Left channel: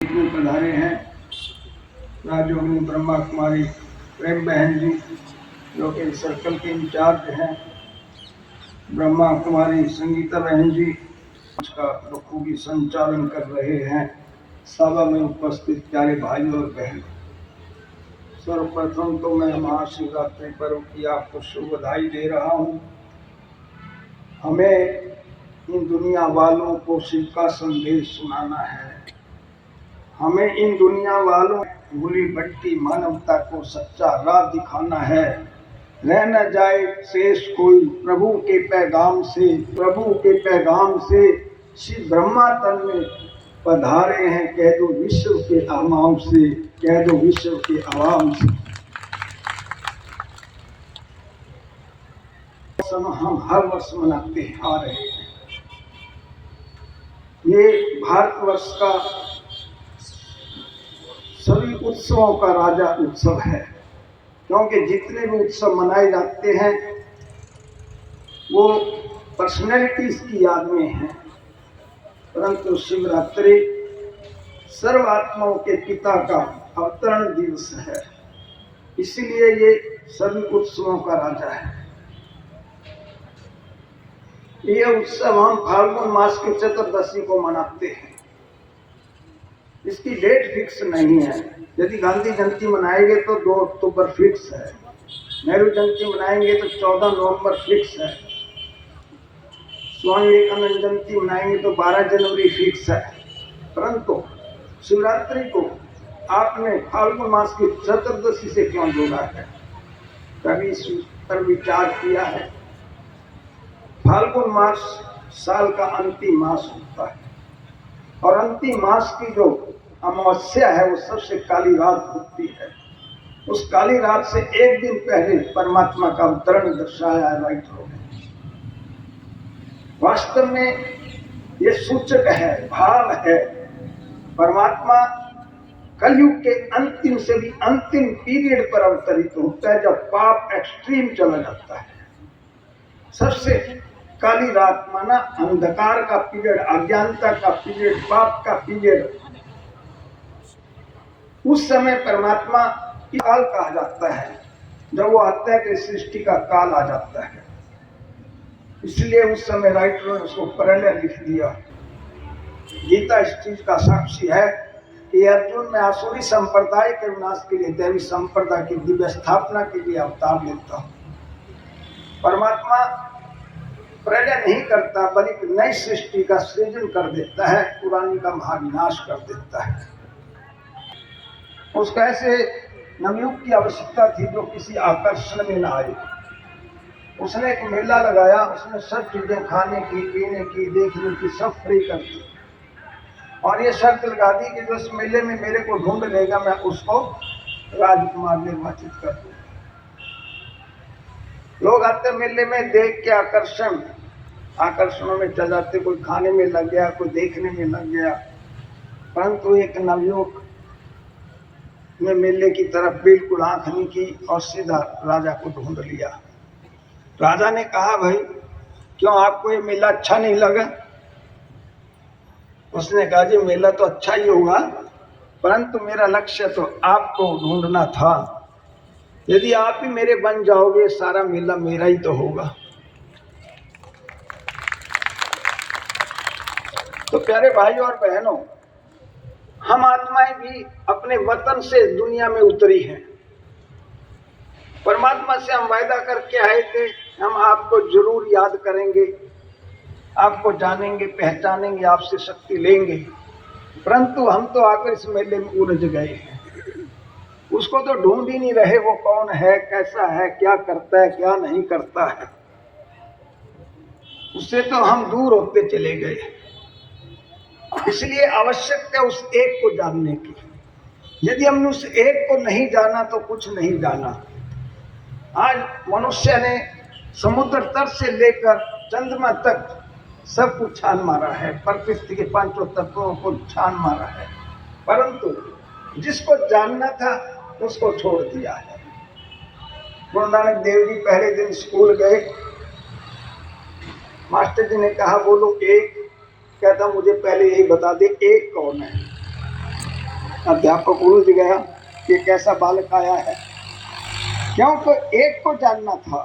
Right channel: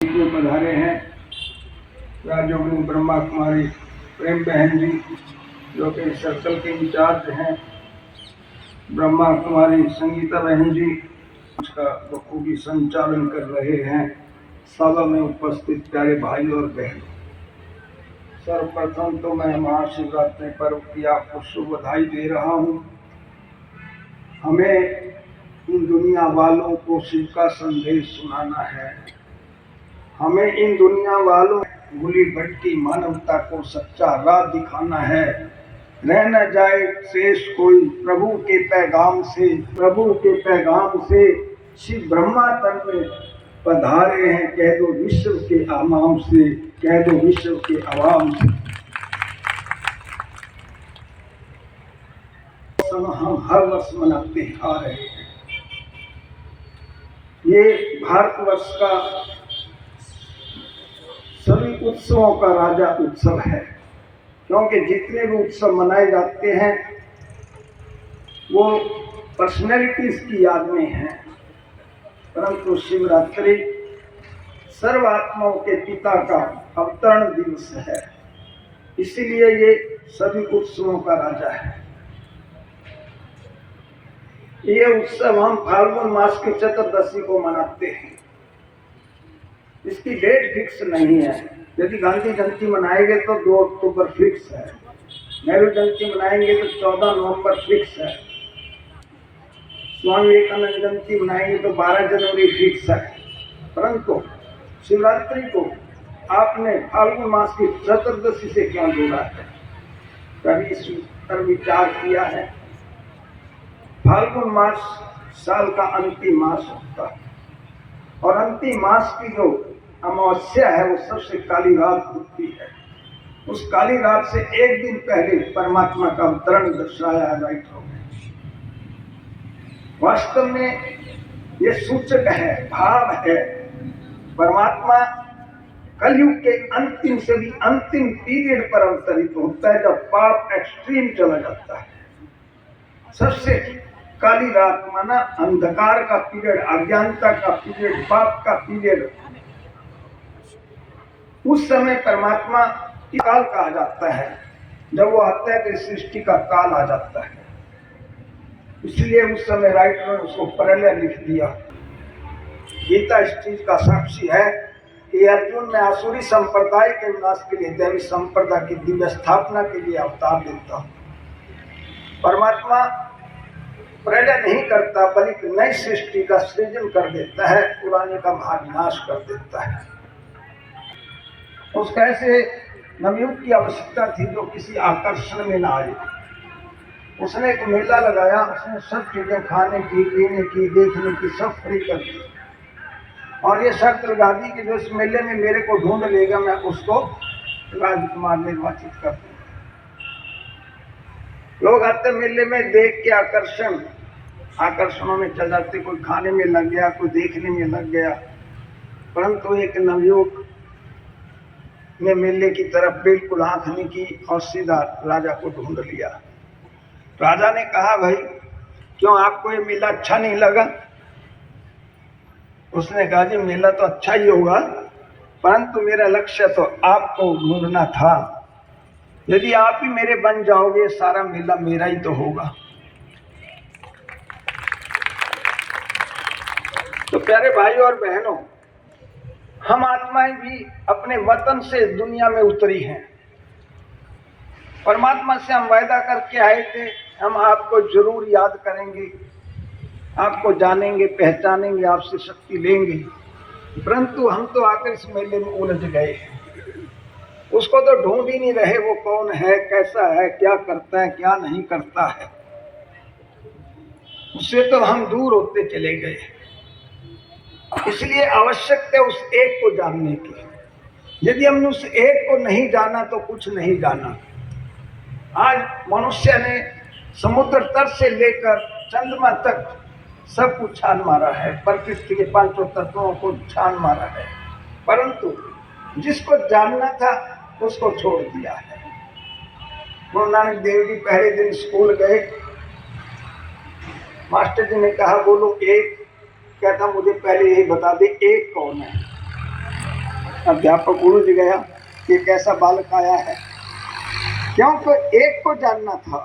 में पधारे हैं राजयोगिनी ब्रह्मा कुमारी प्रेम बहन जी, जो कि सर्कल के इंचार्ज हैं। ब्रह्मा कुमारी संगीता बहन जी उसका बखूबी संचालन कर रहे हैं। सभा में उपस्थित प्यारे भाई और बहनों, सर्वप्रथम तो मैं महाशिवरात्रि पर्व की आपको शुभ बधाई दे रहा हूँ। हमें इन दुनिया वालों को शिव का संदेश सुनाना है। हमें इन दुनिया वालों भूली भटकी मानवता को सच्चा राह दिखाना है। रह न जाए शेष कोई प्रभु के पैगाम से शिव ब्रह्मा तन में पधारे हैं। कह दो विश्व के आवाम से, कह दो विश्व के आवाम से, हम हर वर्ष मनाते आ रहे हैं। ये भारतवर्ष का सभी उत्सवों का राजा उत्सव है, क्योंकि जितने भी उत्सव मनाए जाते हैं वो पर्सनैलिटीज की याद में हैं, परंतु शिवरात्रि सर्वात्माओं के पिता का अवतरण दिवस है, इसीलिए ये सभी उत्सवों का राजा है। ये उत्सव हम फाल्गुन मास की चतुर्दशी को मनाते हैं। इसकी डेट फिक्स नहीं है। यदि गांधी जयंती मनाएंगे तो 2 अक्टूबर फिक्स है, नेहरू जयंती मनाएंगे तो 14 नवंबर फिक्स है, स्वामी विवेकानंद जयंती मनाएंगे तो 12 जनवरी फिक्स है। परंतु शिवरात्रि को आपने फाल्गुन मास की चतुर्दशी से क्यों जोड़ा है? कभी इस पर विचार किया है? फाल्गुन मास साल का अंतिम मास होता है और अंतिम मास की जो अमावस्या है वो सबसे काली रात होती है। उस काली रात से एक दिन पहले परमात्मा का अवतरण दर्शाया है राइटरों ने। वास्तव में ये सूचक है, भाव है। परमात्मा कलयुग के अंतिम से भी अंतिम पीरियड पर अवतरित होता है, जब पाप एक्सट्रीम चला जाता है। सबसे काली रात माना अंधकार का पीरियड, अज्ञानता का पीरियड, पाप का पीरियड। उस समय परमात्मा की काल कहा जाता है। जब वो आता है तो सृष्टि का काल आ जाता है, इसलिए उस समय राइटरों ने उसको प्रलय लिख दिया। गीता इस चीज का साक्षी है कि अर्जुन में आसुरी संप्रदाय के विनाश के लिए, दैवी संप्रदाय की दिव्य स्थापना के लिए अवतार लेता हूं। परमात्मा प्रलय नहीं करता, बल्कि नई सृष्टि का सृजन कर देता है, पुराने का महाविनाश कर देता है। उसका ऐसे नवयुग की आवश्यकता थी जो किसी आकर्षण में ना आए। उसने एक मेला लगाया, उसने सब चीजें खाने की, पीने की, देखने की सब फ्री कर दी और ये शर्त लगा दी कि जो इस मेले में मेरे को ढूंढ लेगा मैं उसको राजकुमार निर्वाचित कर दूंगा। लोग आते मेले में देख के आकर्षणों में चल जाते, कोई खाने में लग गया, कोई देखने में लग गया। परंतु एक नवयुवक ने मेले की तरफ बिल्कुल आंख नहीं की और सीधा राजा को ढूंढ लिया। राजा ने कहा, भाई क्यों आपको ये मेला अच्छा नहीं लगा? उसने कहा, जी मेला तो अच्छा ही होगा, परंतु मेरा लक्ष्य तो आपको ढूंढना था। यदि आप ही मेरे बन जाओगे सारा मेला मेरा ही तो होगा। तो प्यारे भाई और बहनों, हम आत्माएं भी अपने वतन से दुनिया में उतरी हैं। परमात्मा से हम वायदा करके आए थे, हम आपको जरूर याद करेंगे, आपको जानेंगे, पहचानेंगे, आपसे शक्ति लेंगे। परंतु हम तो आकर इस मेले में उलझ गए हैं। उसको तो ढूंढ ही नहीं रहे, वो कौन है, कैसा है, क्या करता है, क्या नहीं करता है। उससे तो हम दूर होते चले गए। इसलिए आवश्यकता है उस एक को जानने की। यदि हमने उस एक को नहीं जाना तो कुछ नहीं जाना। आज मनुष्य ने समुद्र तट से लेकर चंद्रमा तक सब कुछ छान मारा है, प्रकृति के 5 तत्वों को छान मारा है, परंतु जिसको जानना था उसको छोड़ दिया है। गुरु नानक देव जी पहले दिन स्कूल गए, मास्टर जी ने कहा बोलो एक। कहता मुझे पहले ये बता दे एक कौन है? अध्यापक उलझ गया कि कैसा बालक आया है, क्योंकि एक को जानना था